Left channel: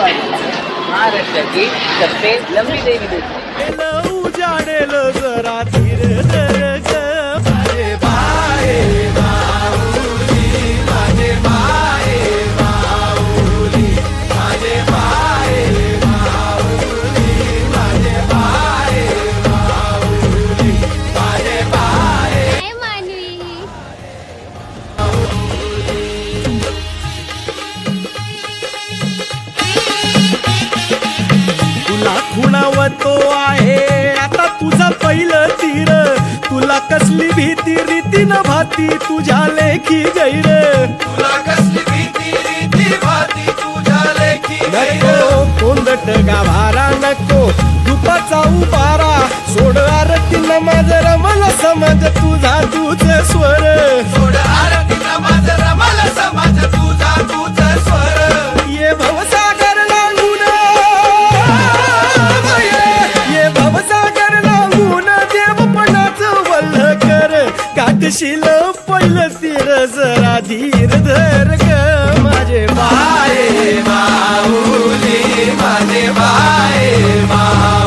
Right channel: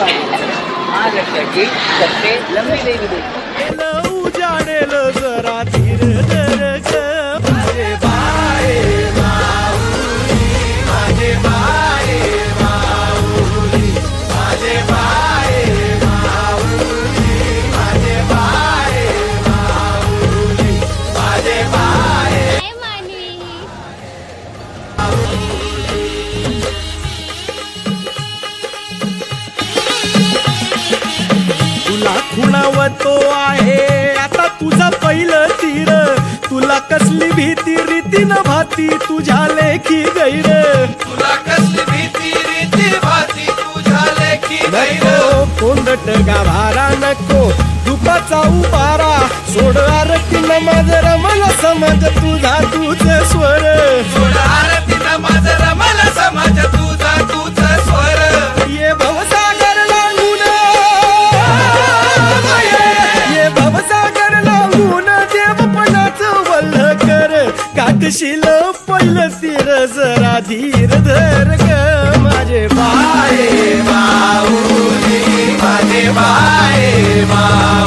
महाराष्ट्राची सबसे लंबी देवी उजाडेल जरा धीर धर ग माझे बाये माऊली माझे बाये माऊली माझे बाये माऊली माझे बाये माऊली माझे बाये तुला खुणावतो आहे आता तुझा पहिलं तीर तुला कसली भीती रीती न भाती तुझ्या लेखी गैर तुला कसली भीती रीती भाती तुझ्या लेखी नको कोंदट गाभारा नको दुपाचा उबारा सोड आरती नमाज रमल समाज तुझा तुझ स्वर सोड आरती नमाज रमल समाज तुझा तुझ स्वर ये भवसागर लांगून ये भवसागर लांगून देवपणाचं वल्ह कर गाठशील पहिलं तीर जरा धीर धर ग माझे बाये माऊली माझे बाये माऊली